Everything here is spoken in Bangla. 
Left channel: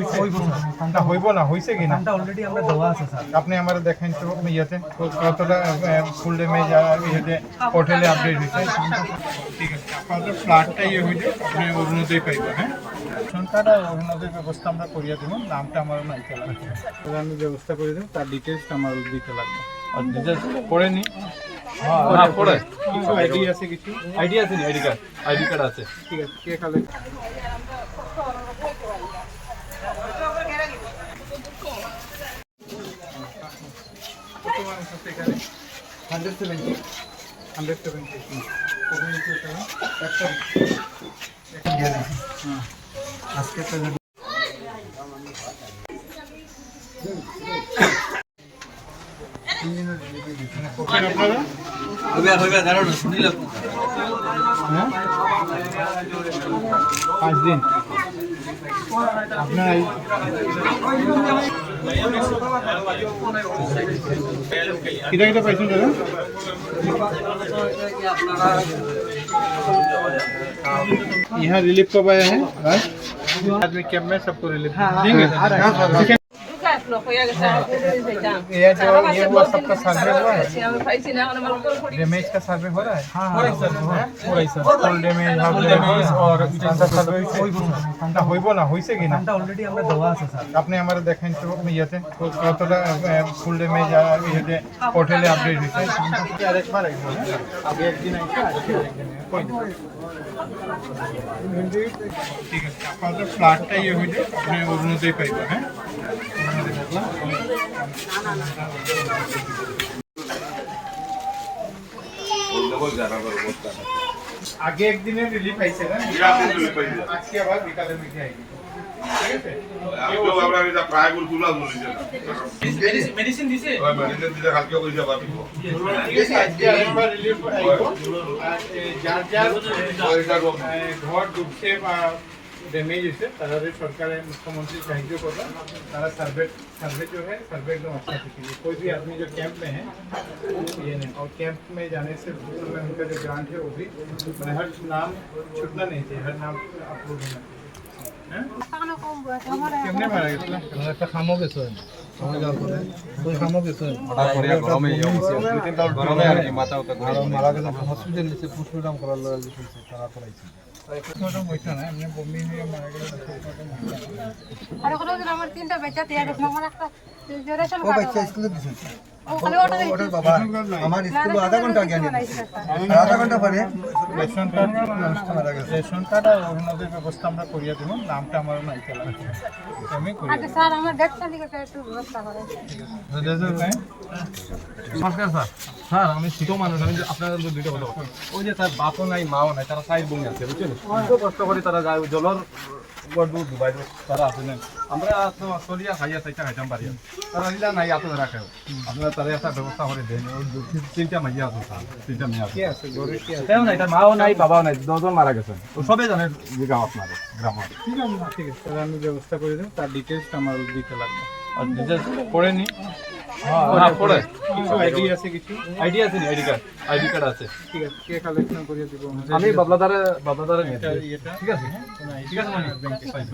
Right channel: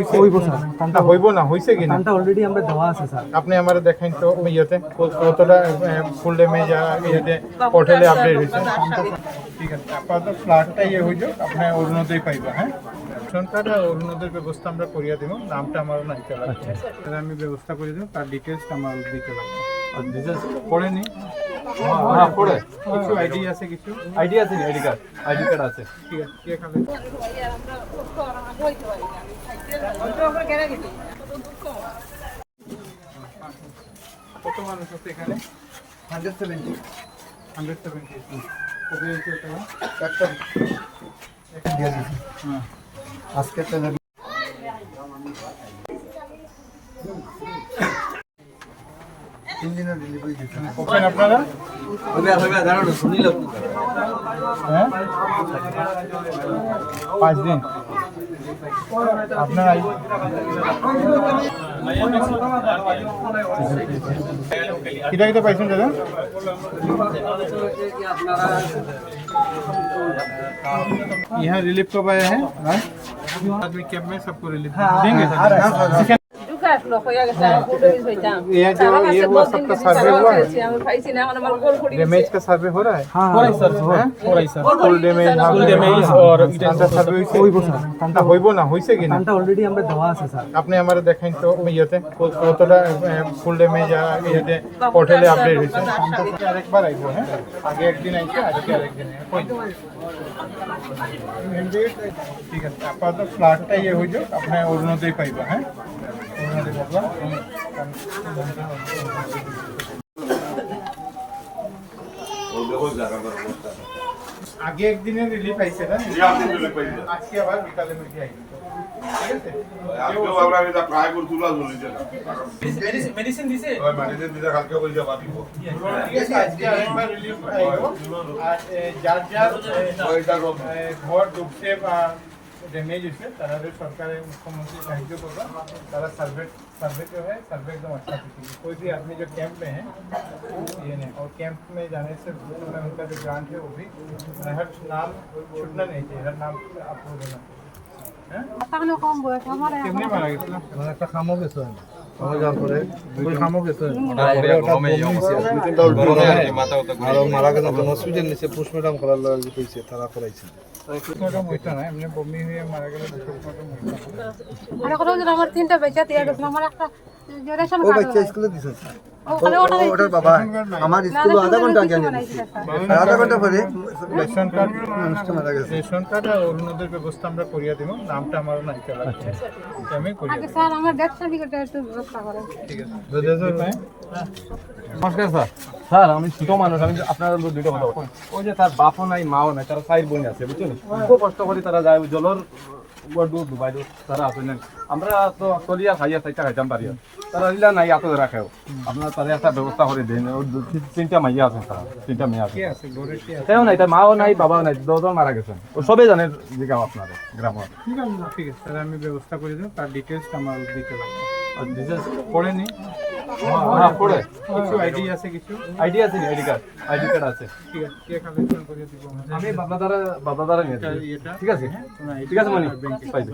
হইছে হইব স্যার না হইব না হইছে কি না কামটা অলরেডি আমরা দেওয়া আছে স্যার আপনি আমারে দেখেন তো ইয়েতে কতটা ফুল ড্যামেজ ইয়েতে পোর্টালে আপডেট হইছে ঠিক আছে আপনাদের ফ্ল্যাটটা ইয়ে হইছে আপনি অরুণোদয় পাইবা হ্যাঁ রেশন কার্ড আর অরুণোদয় ব্যবস্থা আমরা করিয়া দেব নামটা আমারও নাইতে লাগবে তাহলে আমি ব্যবস্থা করে দেব তার ডিটেলসটা আমার দিতে লাগবে আর ডিটেলস পড়েনি হ্যাঁ পড়ে কিছু আইডি আছে কিছু আইডি আছে নি আইডি কার্ড আছে ঠিক আছে কে খাবে কত মানুষ আছে এখানে 170 170 কবে হয়েছে এটা আজকে তো ওপেন আপনারা হ্যাঁ 5 দিন আপনারা कितना कितना पैसे देना यहाँ रिलीफ कब आया है आदमी कैब में सबको रिलीफ देंगे ये जो ये वो सबका सर्वे हुआ है डैमेज का सर्वे हो रहा है हो रहा है सर फुल डैमेज और सर्वे না হইব না হইছে কি না কামটা অলরেডি আমরা দেওয়া আছে স্যার আপনি আমারে দেখেন তো ইয়েতে কতটা ফুল ড্যামেজ ইয়েতে পোর্টালে আপডেট হইছে আরেকবার আইবো হ্যাঁ আগে একদিন আইছে আজকে আরেকদিন ঠিক আছে আপনাদের ফ্ল্যাটটা ইয়ে হইছে আপনি অরুণোদয় পাইবা হ্যাঁ অরুণোদয় পাইবা আগে একদিনের রিলিফ আইছে না আজকে আবার বিকালে মিটে আইছে ঠিক আছে আজকেও আমরা এটা প্রায় করে তুলা ধরেছে না মেডিসিন দিছে ওই মেডিসিন দিলে কালকে কই যাবা দিব ঠিক আছে আজকে আরেকবার রিলিফ আইবো আর যার যার ওইটা রোগ ঘর ডুবছে বা डैमेज है तारा सरकार ने मुख्यमंत्री साहित्य करवा तारा सर्वे जो है सर्वे एकदम अच्छा कीजिए कोई भी आदमी जो कैंप में है ये नहीं और कैंप में जाने से पूर्व में उनका जो ग्रांट है वो भी हर नाम छूटना नहीं चाहिए हर नाम अप्रूव होना चाहिए কেমনে মারা গেছিল একটা খামো গেছে আমার গাল করে ওই খামো গেছে গরমে আর কি মাথা উঠা আর মারা গেছে হসপিটাল নিচে পোস্টমর্টম করার লাগে কইছে তারা করাইছে পোস্টমর্টম হইতো না এমনি বমি হয়ে মারা গেলে পোস্টমর্টম হইতো না আরে কোনো দিন আমার তিনটা বেচা দিয়ে গেছে আমার একটা রেশন ওই কার্ড বাচ্চা স্কুলে দিছে ওটার বাবা আমার স্কুলে আধা ঘন্টা আগে আনিছে আধা ঘন্টা পরে রেশন কার্ড মানুষটা মারা গেছে রেশন কার্ড আর অরুণোদয় ব্যবস্থা আমরা করিয়া দেব নামটা আমারও নাইতে লাগবে আমি করিয়া আগে স্যার আমার ডেথ সার্টিফিকেট একটু ব্যবস্থা করেন ঠিক আছে নমস্কার স্যার স্যার আমি ছোট মানুষ আমি আপনাদের দুটো কথা বলবো। ওই যে তার বাপও নাই মাও নাই তারা সাইড বোন আছে বুঝছেন খুব কষ্ট করে তারা যায় জলের দুবাই তারা আছে না আমরা তো চলিয়া খাইয়া চাইটা খাইতাম পারি তারা দিলা নাই এত রাখেও আপনারা তারা একটা ব্যবস্থা করে দেন তিনটা মাইয়া আছে স্যার তিনটা মেয়ে আছে কে আছে গরে কে আছে তাইও নাই তার মাও নাই বাবাও নাই দুজন মারা গেছেন ও সবাই জানে যে গ্রাম আপনাদের গ্রাম ঠিক আছে তাহলে আমি ব্যবস্থা করে দেব তার ডিটেলসটা আমার দিতে লাগবে আর ডিটেলস পড়েনি হ্যাঁ পড়ে কিছু আইডি আছে কিছু আইডি আছে নি আইডি কার্ড আছে ঠিক আছে কে কালেকশন করিয়ে দিব আমি বাবলাদারে নিয়ে এটা ঠিক আছে ঠিক ঠিক আছে মানে ব্যাংকে পাইবে